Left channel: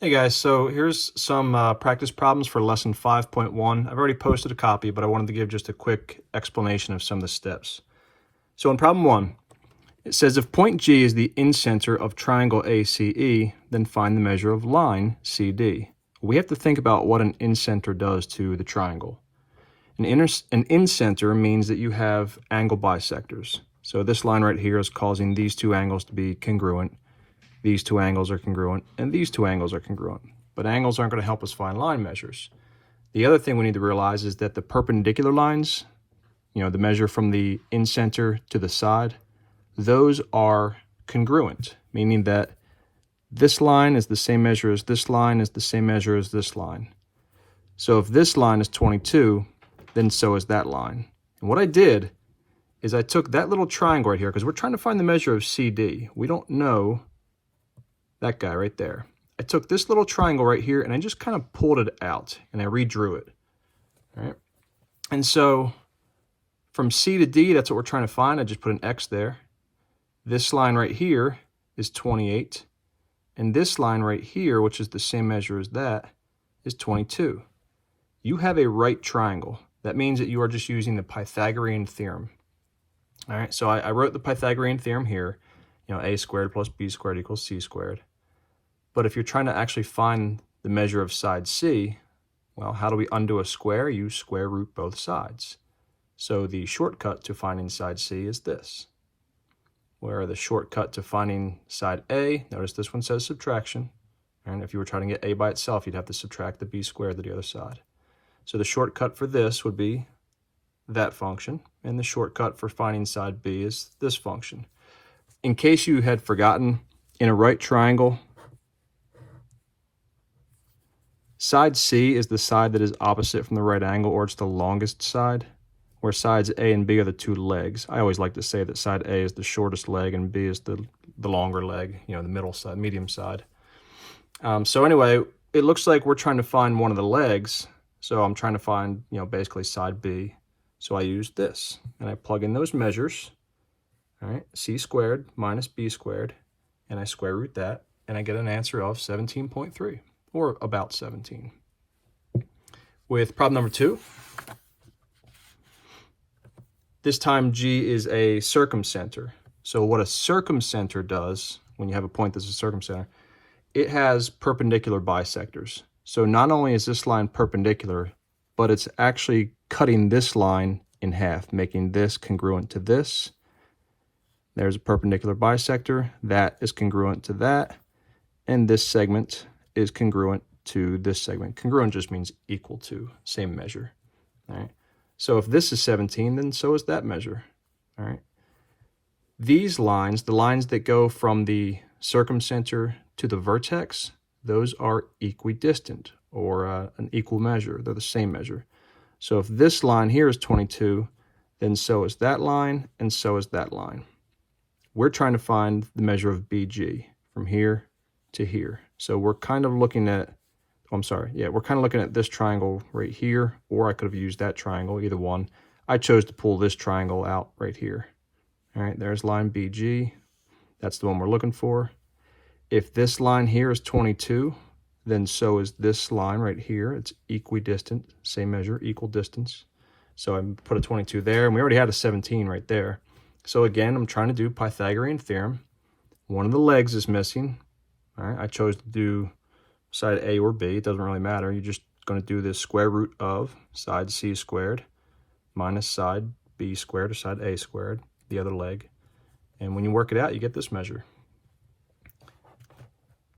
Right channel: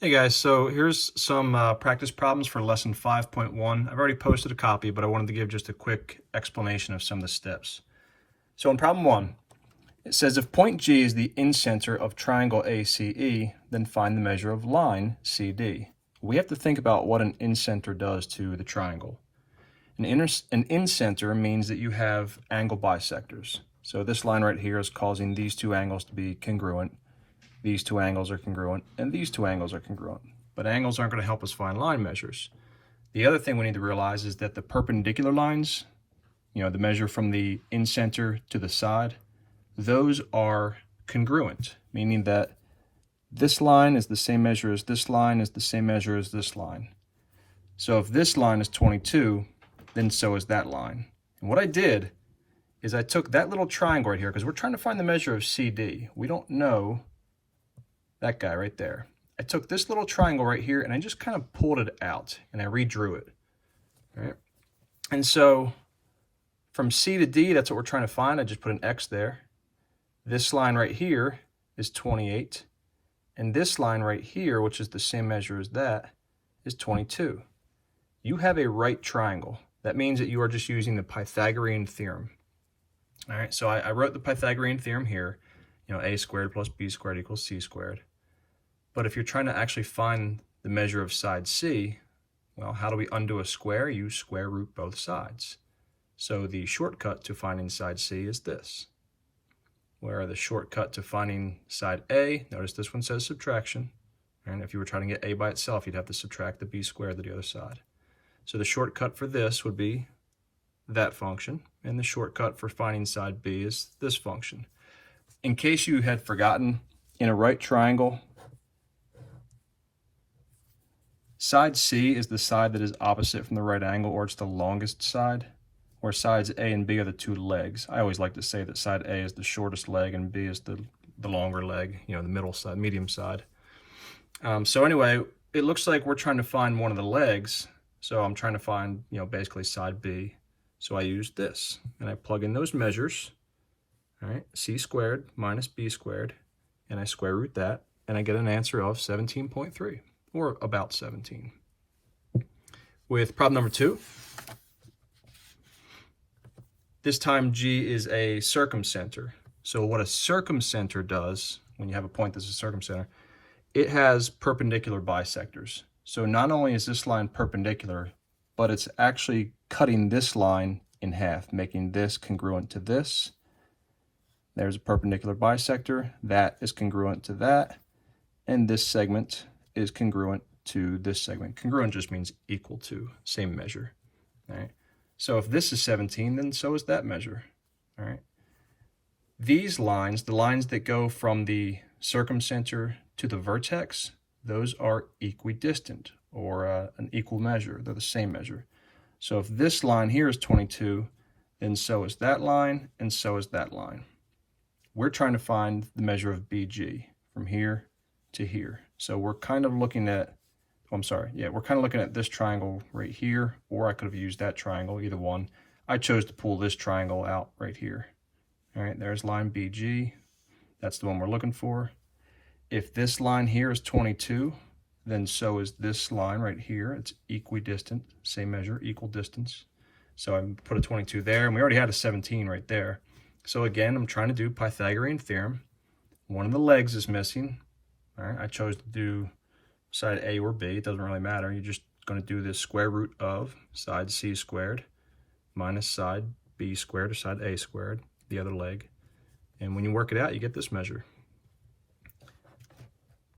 Hey guys, so here's some practice problems for lesson 5.1. I've already posted a copy, but I wanted to give just a quick explanation of some of the steps. So in problem 1, it says if point G is the incenter of triangle ACE, then find the measure of line CD. We have to think about what an incenter does to the triangle. An incenter means that you have angle bisectors. So this line right here is causing these two angles to be congruent. These two angles are congruent, and these two angles are congruent. But angles aren't going to help us find line measures. The other thing we need to realize is that the perpendicular lines, the measure from the incenter to the side, those are congruent, meaning that this line is the same measure as this line is the same measure as this line. So if this line is 22, then so is that line. And what I did is I took that little triangle right here, because we're trying to find the measure of CD. We don't know that guy right there. I took this little triangle right here and I just kind of pulled it out and I redrew it. All right. And so from C to D, that's what we're trying to find. I just put an X there. This line right here is 28. And this line right here, which is the same measure as that, is 22. You have a right triangle. That means that you are just using the Pythagorean theorem. All right. So I wrote the Pythagorean theorem here. A squared plus B squared equals C squared. But if you're trying to actually find the measure of side C, well, how do we undo a square? You square root both sides. So the shortcut to finding side C is this. Where the shortcut to finding side A, notice this one says subtraction. And if you were trying to get A by itself, you'd have to subtract the B squared to the other side. So the shortcut for this would be that function. And the shortcut for finding side B is this function. In case you had forgotten, in a right triangle, side C is the side that is opposite from the right angle, or it's the longest side, where sides A and B are the two legs. I always like to say that side A is the shortest leg and B is the longer leg, the middle side, medium side. So anyway, it looks like we're trying to find one of the legs. So I'm trying to find, basically side B. So I use this, and I plug in those measures, all right, C squared minus B squared, and I square root that, and I get an answer of 17.3. or about 17. With problem number 2, this time G is a circumcenter. So what a circumcenter does, when you have a point that's a circumcenter, it has perpendicular bisectors. So not only is this line perpendicular, but it's actually cutting this line in half, making this congruent to this. There's a perpendicular bisector, that is congruent to that, and this segment is congruent to this segment. Congruent just means equal to, same measure. All right. So if this is 17, then so is that measure. All right. These lines, the lines that go from the circumcenter to the vertex, those are equidistant, or an equal measure. They're the same measure. So if this line here is 22, then so is that line, and so is that line. We're trying to find the measure of BG from here to here. So we're kind of looking at, we're kind of looking at this triangle right here, or I could have used that triangle, either one. I chose to pull this triangle out right here. All right, there's line BG. That's the one we're looking for. If this line here is 22, then so is this line right here. It's equidistant, same measure, equal distance. So I put a 22 there, and we already had a 17 right there. So again, I'm trying to do Pythagorean theorem. One of the legs is missing. All right, I chose to do side A or B. It doesn't really matter. You're just going to do the square root of side C squared minus side B squared, or side A squared, the other leg. And when you work it out, you get this measure.